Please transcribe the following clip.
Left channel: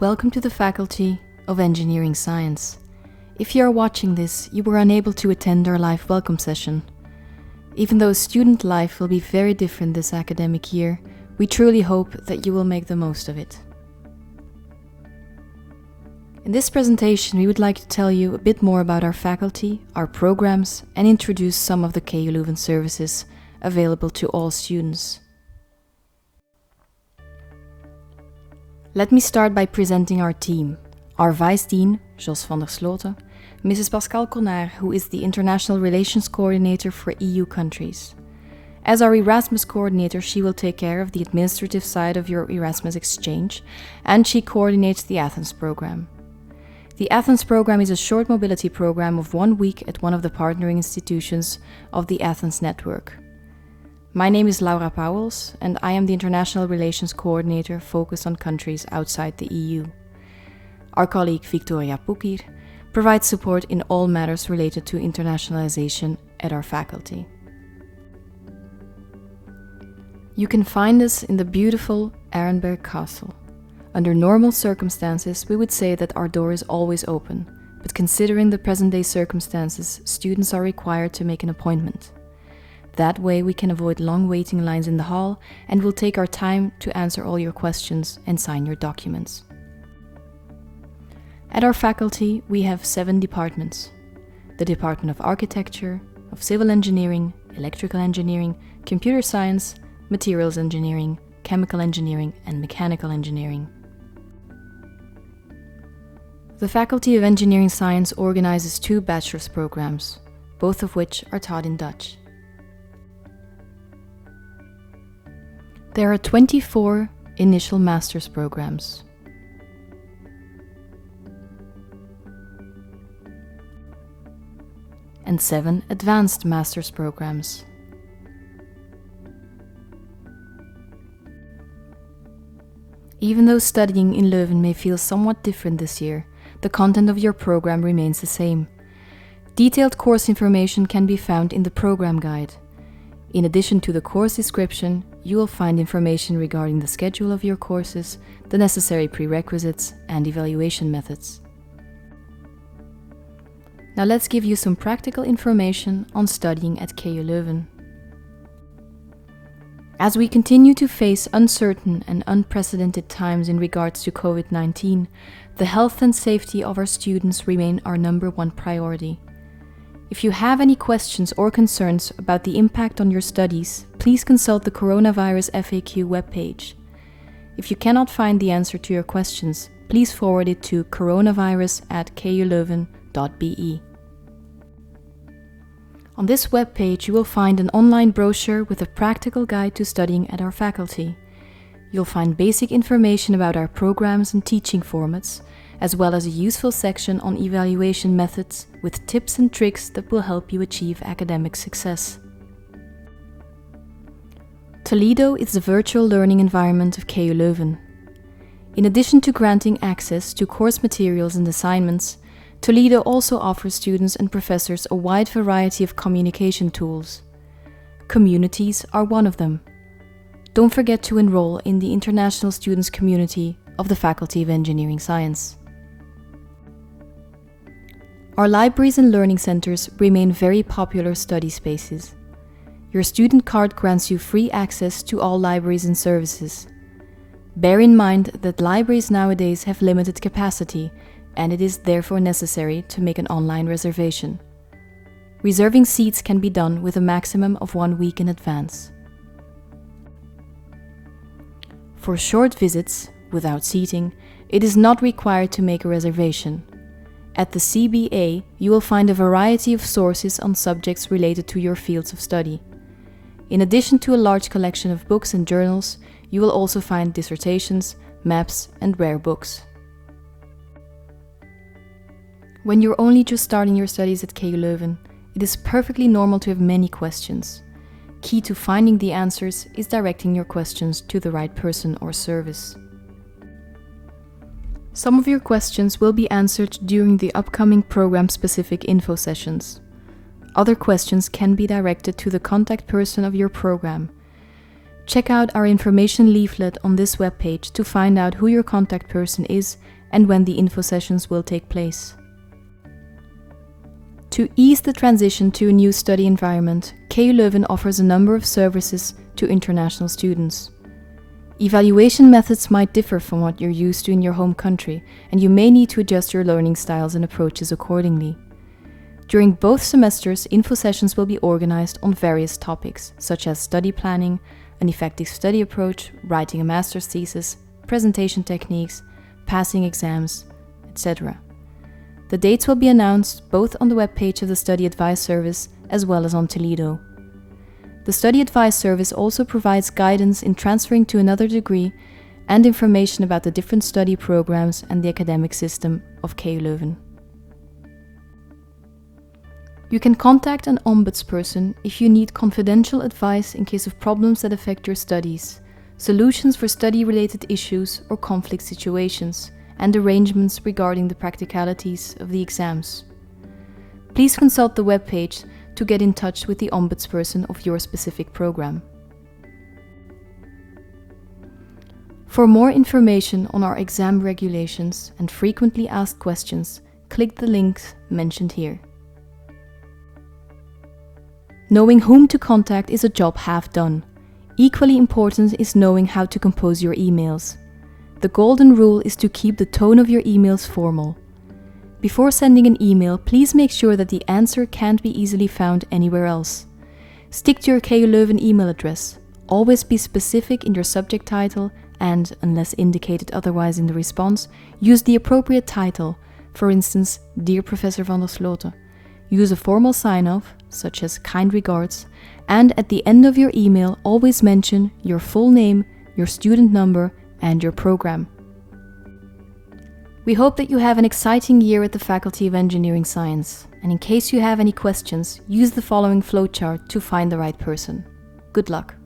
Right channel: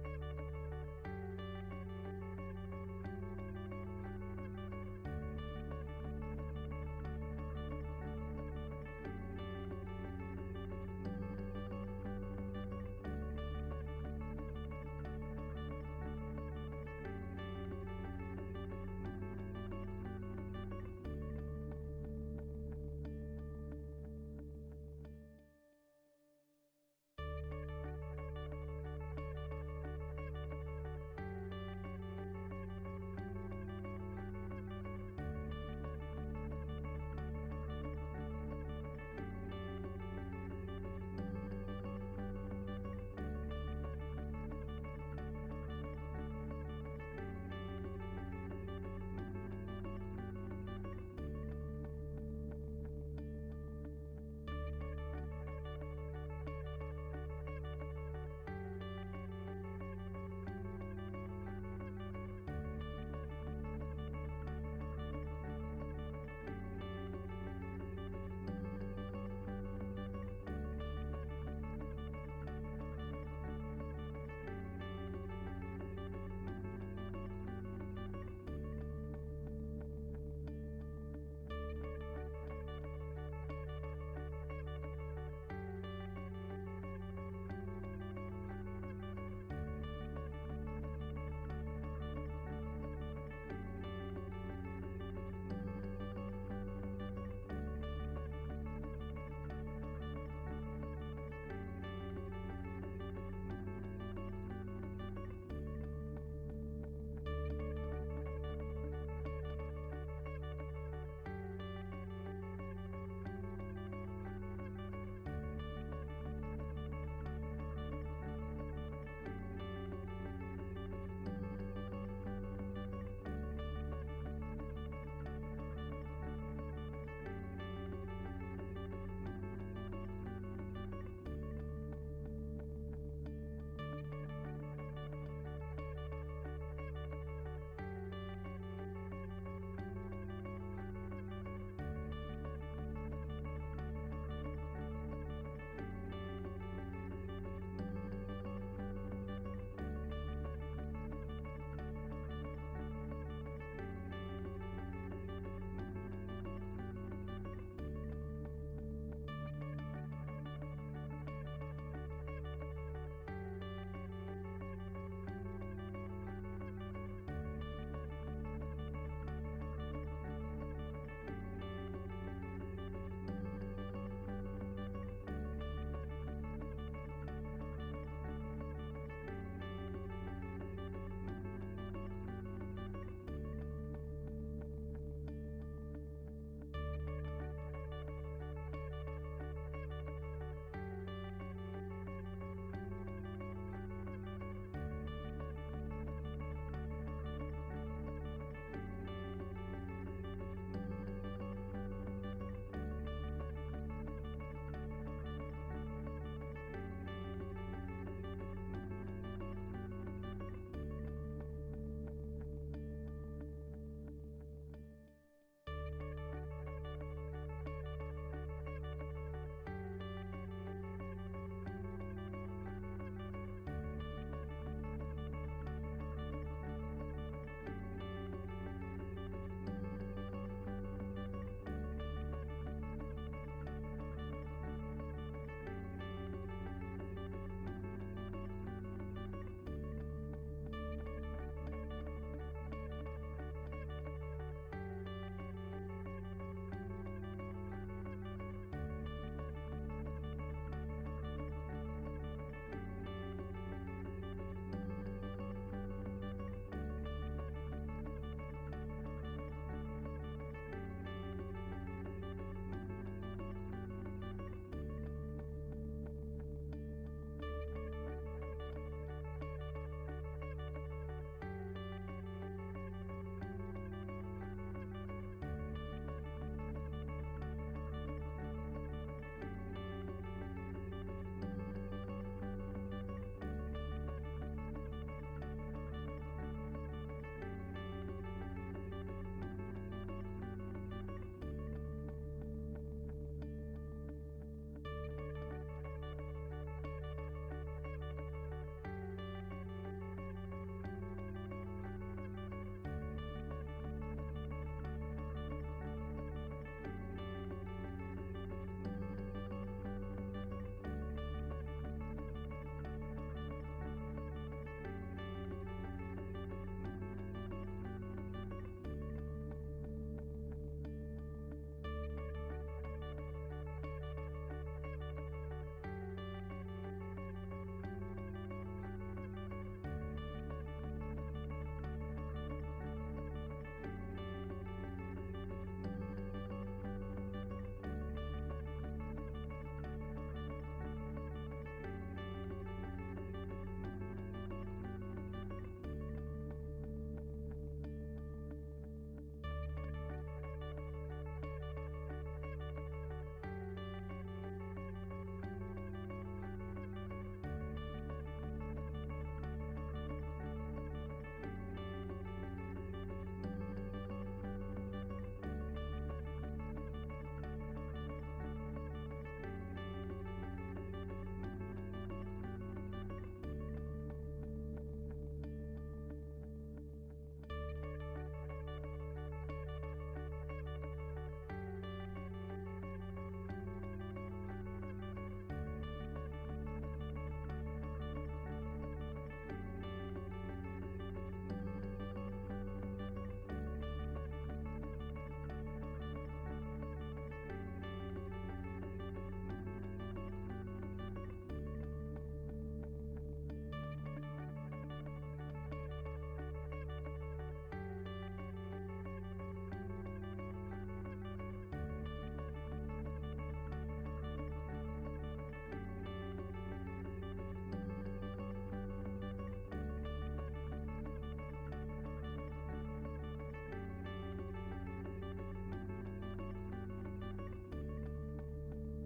Welcome to the Faculty of Engineering Science. If you are watching this, you were unable to attend our live welcome session. Even though student life will be very different this academic year, we truly hope that you will make the most of it. In this presentation, we would like to tell you a bit more about our faculty, our programs, and introduce some of the KU Leuven services available to all students. Let me start by presenting our team. Our Vice Dean, Jos van der Sloten, Mrs. Pascal Connard, who is the International Relations Coordinator for EU countries. As our Erasmus Coordinator, she will take care of the administrative side of your Erasmus exchange, and she coordinates the Athens program. The Athens program is a short mobility program of 1 week at one of the partnering institutions of the Athens network. My name is Laura Pauwels, and I am the International Relations Coordinator focused on countries outside the EU. Our colleague Victoria Pukir provides support in all matters related to internationalization at our faculty. You can find us in the beautiful Arenberg Castle. Under normal circumstances, we would say that our door is always open, but considering the present-day circumstances, students are required to make an appointment. That way we can avoid long waiting lines in the hall and will take our time to answer all your questions and sign your documents. At our faculty, we have 7 departments: the Department of Architecture, of Civil Engineering, Electrical Engineering, Computer Science, Materials Engineering, Chemical Engineering, and Mechanical Engineering. The Faculty of Engineering Science organizes 2 bachelor's programs, both of which are taught in Dutch. There are 24 initial master's programs. And 7 advanced master's programs. Even though studying in Leuven may feel somewhat different this year, the content of your program remains the same. Detailed course information can be found in the program guide. In addition to the course description, you will find information regarding the schedule of your courses, the necessary prerequisites, and evaluation methods. Now let's give you some practical information on studying at KU Leuven. As we continue to face uncertain and unprecedented times in regards to COVID-19, the health and safety of our students remain our #1 priority. If you have any questions or concerns about the impact on your studies, please consult the Coronavirus FAQ webpage. If you cannot find the answer to your questions, please forward it to coronavirus@kuleuven.be. On this webpage, you will find an online brochure with a practical guide to studying at our faculty. You'll find basic information about our programs and teaching formats, as well as a useful section on evaluation methods with tips and tricks that will help you achieve academic success. Toledo is the virtual learning environment of KU Leuven. In addition to granting access to course materials and assignments, Toledo also offers students and professors a wide variety of communication tools. Communities are one of them. Don't forget to enroll in the International Students Community of the Faculty of Engineering Science. Our libraries and learning centers remain very popular study spaces. Your student card grants you free access to all libraries and services. Bear in mind that libraries nowadays have limited capacity, and it is therefore necessary to make an online reservation. Reserving seats can be done with a maximum of 1 week in advance. For short visits, without seating, it is not required to make a reservation. At the CBA, you will find a variety of sources on subjects related to your fields of study. In addition to a large collection of books and journals, you will also find dissertations, maps, and rare books. When you're only just starting your studies at KU Leuven, it is perfectly normal to have many questions. Key to finding the answers is directing your questions to the right person or service. Some of your questions will be answered during the upcoming program-specific info sessions. Other questions can be directed to the contact person of your program. Check out our information leaflet on this webpage to find out who your contact person is and when the info sessions will take place. To ease the transition to a new study environment, KU Leuven offers a number of services to international students. Evaluation methods might differ from what you're used to in your home country, and you may need to adjust your learning styles and approaches accordingly. During both semesters, info sessions will be organized on various topics, such as study planning, an effective study approach, writing a master's thesis, presentation techniques, passing exams, etc. The dates will be announced both on the webpage of the Study Advice Service as well as on Toledo. The Study Advice Service also provides guidance in transferring to another degree and information about the different study programs and the academic system of KU Leuven. You can contact an ombudsperson if you need confidential advice in case of problems that affect your studies, solutions for study-related issues or conflict situations, and arrangements regarding the practicalities of the exams. Please consult the webpage to get in touch with the ombudsperson of your specific program. For more information on our exam regulations and frequently asked questions, click the links mentioned here. Knowing whom to contact is a job half done. Equally important is knowing how to compose your emails. The golden rule is to keep the tone of your emails formal. Before sending an email, please make sure that the answer can't be easily found anywhere else. Stick to your KU Leuven email address. Always be specific in your subject title and, unless indicated otherwise in the response, use the appropriate title, for instance, Dear Professor van der Sloten. Use a formal sign-off, such as kind regards, and at the end of your email always mention your full name, your student number, and your program. We hope that you have an exciting year at the Faculty of Engineering Science, and in case you have any questions, use the following flowchart to find the right person. Good luck!